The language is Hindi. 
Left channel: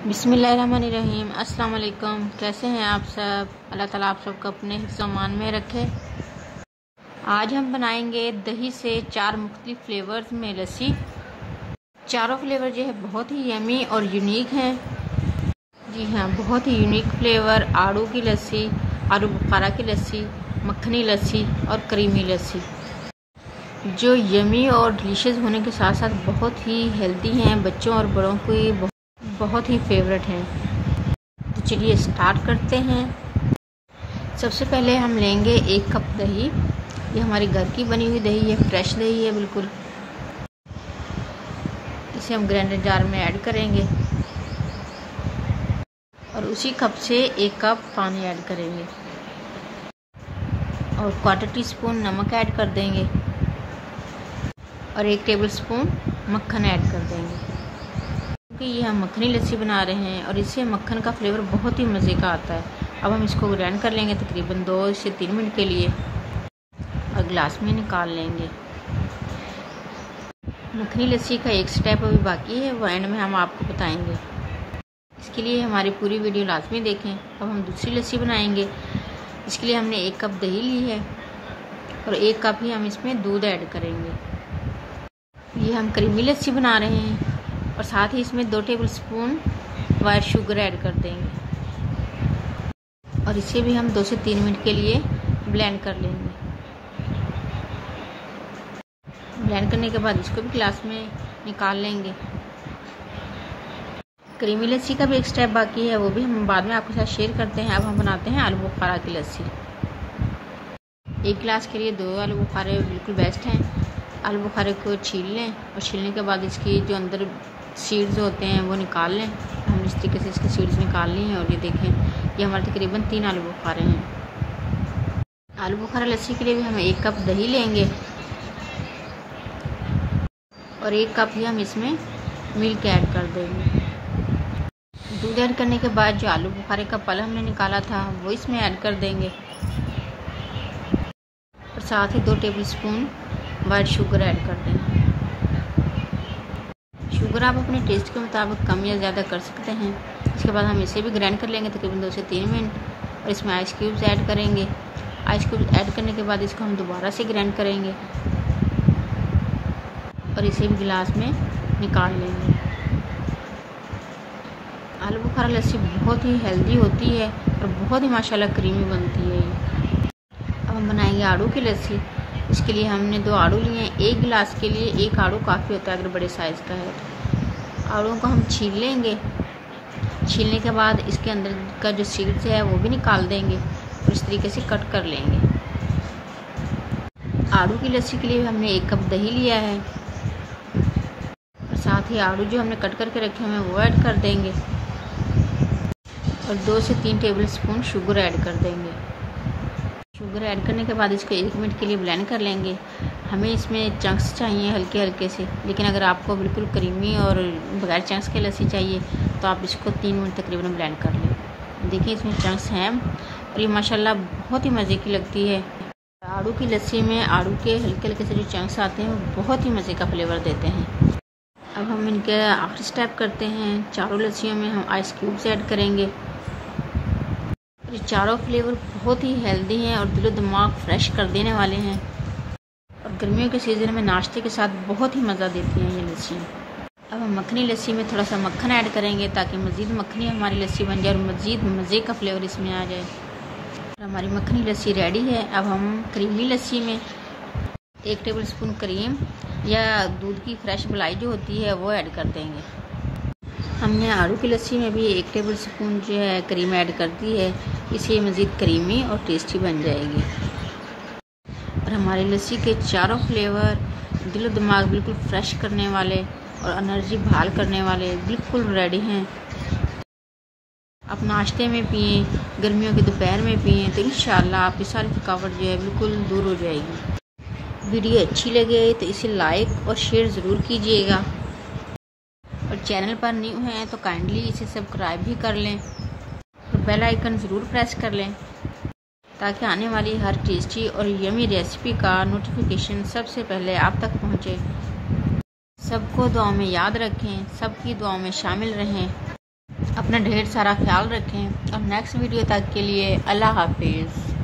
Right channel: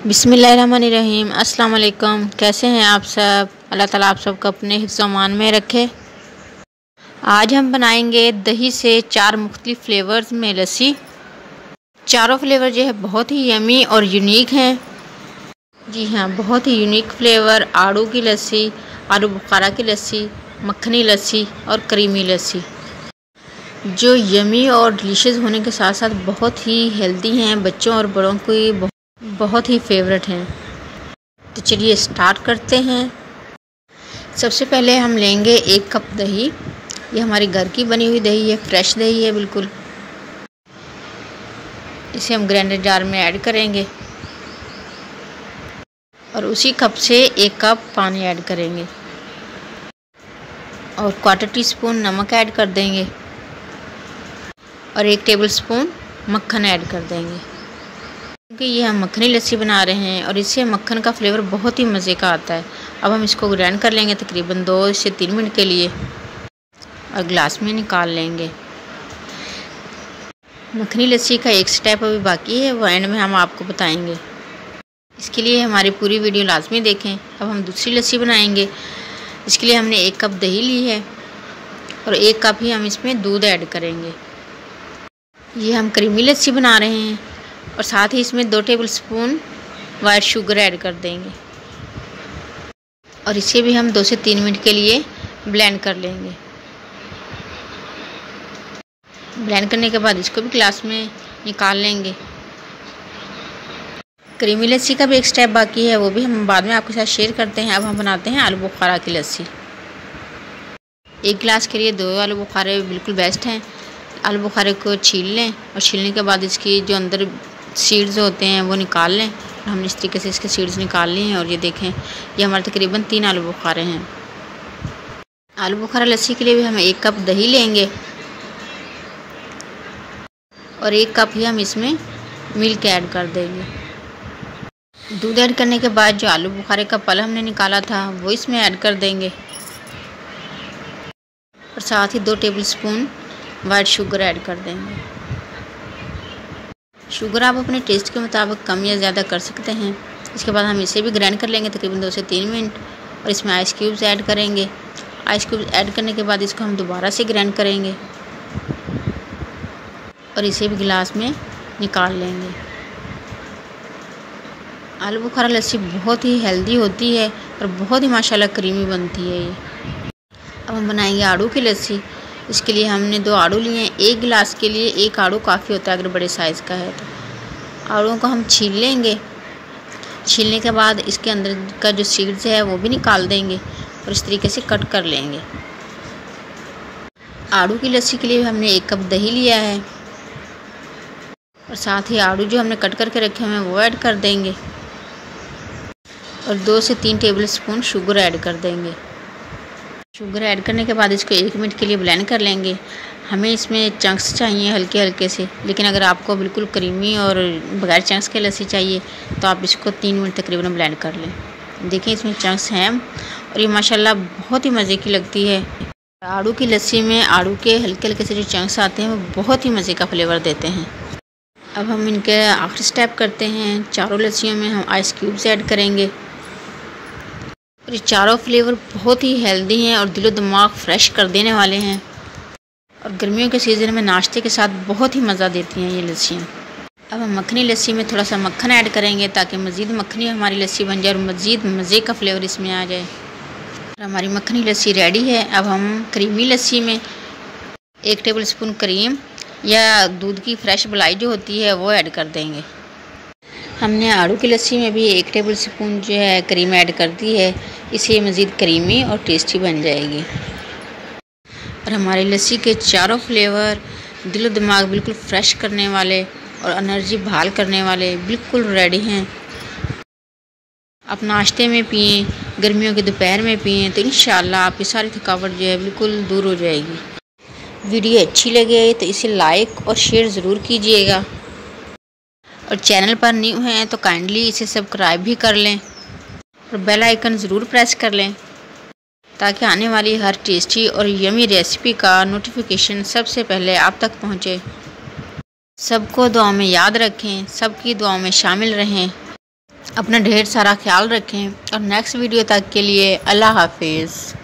बिस्मिल्लाहिर्रहमानिर्रहीम। अस्सलाम वालेकुम। कैसे हैं आप सब? अल्लाह ताला आप सबको अपने हिफ्ज़-ओ-अमान में रखे। आज हम बनाएंगे दही से 4 मुख्तलिफ़ फ्लेवर्स में लस्सी। चारों फ्लेवर जो है बहुत ही यमी और यूनिक हैं। जी हाँ, बहुत ही यूनिक फ्लेवर। आड़ू की लस्सी, आलू बुखारा की लस्सी, मक्खनी लस्सी और क्रीमी लस्सी, जो यमी और डिलीशियस होने के साथ साथ बहुत ही हेल्दी हैं। बच्चों और बड़ों को बहुत ही फेवरेट हैं। तो चलिए स्टार्ट करते हैं। सबसे पहले हम लेंगे 1 कप दही। ये हमारी घर की बनी हुई दही है, फ्रेश दही है बिल्कुल। इसे हम ग्राइंडर जार में ऐड करेंगे और उसी कप से 1 कप पानी ऐड करेंगे और 1/4 टीस्पून नमक ऐड कर देंगे और 1 टेबलस्पून मक्खन ऐड कर देंगे। क्योंकि ये हम मक्खनी लस्सी बना रहे हैं और इससे मक्खन का फ्लेवर बहुत ही मज़े का आता है। अब हम इसको ग्राइंड कर लेंगे तकरीबन 2 से 3 मिनट के लिए और ग्लास में निकाल लेंगे। मक्खनी लस्सी का एक स्टेप अभी बाकी है, वो एंड में हम आपको बताएंगे। इसके लिए हमारी पूरी वीडियो लाजमी देखें। अब हम दूसरी लस्सी बनाएंगे। इसके लिए हमने 1 कप दही ली है और 1 कप ही हम इसमें दूध ऐड करेंगे। ये हम क्रीमी लस्सी बना रहे हैं और साथ ही इसमें 2 टेबलस्पून वाइट शुगर ऐड कर देंगे और इसे भी हम 2 से 3 मिनट के लिए ब्लेंड कर लेंगे। ब्लेंड करने के बाद इसको भी ग्लास में निकाल लेंगे। क्रीमी लस्सी का भी एक स्टेप बाकी है, वो भी हम बाद में आपके साथ शेयर करते हैं। अब हम बनाते हैं आलू बुखारा की लस्सी। 1 गिलास के लिए 2 आलू बुखारे बिल्कुल बेस्ट हैं। आलू बुखारे को छील लें और छीलने के बाद इसकी जो अंदर सीड्स होते हैं वो निकाल लें। हमने इस तरीके से इसके सीड्स निकाल लिए हैं और ये देखें, ये हमारे तकरीबन 3 आलू बुखारे हैं। आलू बुखारा लस्सी के लिए भी हम 1 कप दही लेंगे और 1 कप ही हम इसमें मिल्क ऐड कर देंगे। दूध ऐड करने के बाद जो आलू बुखारे का पल हमने निकाला था वो इसमें ऐड कर देंगे और साथ ही 2 टेबलस्पून वाइट शुगर ऐड कर देंगे। शुगर आप अपने टेस्ट के मुताबिक कम या ज़्यादा कर सकते हैं। इसके बाद हम इसे भी ग्राइंड कर लेंगे तकरीबन 2 से 3 मिनट और इसमें आइस क्यूब्स ऐड करेंगे। आइस क्यूब्स ऐड करने के बाद इसको हम दोबारा से ग्राइंड करेंगे और इसे भी गिलास में निकाल लेंगे। आलू बुखारा लस्सी बहुत ही हेल्दी होती है और बहुत ही माशाल्लाह क्रीमी बनती है ये। अब हम बनाएंगे आड़ू की लस्सी। इसके लिए हमने 2 आड़ू लिए हैं। 1 गिलास के लिए 1 आड़ू काफ़ी होता है अगर बड़े साइज़ का है तो। आड़ूओं को हम छील लेंगे। छीलने के बाद इसके अंदर का जो सीड्स है वो भी निकाल देंगे और इस तरीके से कट कर लेंगे। आड़ू की लस्सी के लिए हमने 1 कप दही लिया है और साथ ही आड़ू जो हमने कट करके रखे हुए हैं वो ऐड कर देंगे और 2 से 3 टेबलस्पून शुगर ऐड कर देंगे। शुगर ऐड करने के बाद इसको 1 मिनट के लिए ब्लेंड कर लेंगे। हमें इसमें चंक्स चाहिए हल्के हल्के से, लेकिन अगर आपको बिल्कुल क्रीमी और बगैर चंक्स के लस्सी चाहिए तो आप इसको 3 मिनट तकरीबन ब्लेंड कर लें। देखिए इसमें चंक्स हैं और ये माशाल्लाह बहुत ही मज़े की लगती है। आड़ू की लस्सी में आड़ू के हल्के हल्के से जो चंक्स आते हैं वो बहुत ही मज़े का फ्लेवर देते हैं। अब हम इनके आखिरी स्टेप करते हैं। चारों लस्सियों में हम आइस क्यूब्स ऐड करेंगे। ये चारों फ्लेवर बहुत ही हेल्दी हैं और दिलो दिमाग फ्रेश कर देने वाले हैं और गर्मियों के सीज़न में नाश्ते के साथ बहुत ही मज़ा देती हैं ये लस्सियाँ। अब हम मक्खनी लस्सी में थोड़ा सा मक्खन ऐड करेंगे ताकि मज़ीद मक्खनी हमारी लस्सी बन जाए और मज़ीद मज़े का फ्लेवर इसमें आ जाए। हमारी मक्खनी लस्सी रेडी है। अब हम क्रीमी लस्सी में 1 टेबलस्पून क्रीम या दूध की फ्रेश मलाई जो होती है वो ऐड कर देंगे। हमने आड़ू की लस्सी में भी 1 टेबलस्पून जो है क्रीम ऐड कर दी है। इससे मज़ीद क्रीमी और टेस्टी बन जाएगी और हमारी लस्सी के चारों फ्लेवर दिलो दिमाग बिल्कुल फ्रेश करने वाले और एनर्जी बहाल करने वाले बिल्कुल रेडी हैं। आप नाश्ते में पिएं, गर्मियों के दोपहर में पिएं तो इंशाल्लाह आपकी सारी थकावट जो है बिल्कुल दूर हो जाएगी। वीडियो अच्छी लगे तो इसे लाइक और शेयर ज़रूर कीजिएगा और चैनल पर न्यू हैं तो काइंडली इसे सब्सक्राइब भी कर लें और बेल आइकन ज़रूर प्रेस कर लें ताकि आने वाली हर टेस्टी और यमी रेसिपी का नोटिफिकेशन सबसे पहले आप तक पहुंचे। सबको दुआ में याद रखें, सबकी दुआ में शामिल रहें। अपना ढेर सारा ख्याल रखें और नेक्स्ट वीडियो तक के लिए अल्लाह हाफिज़।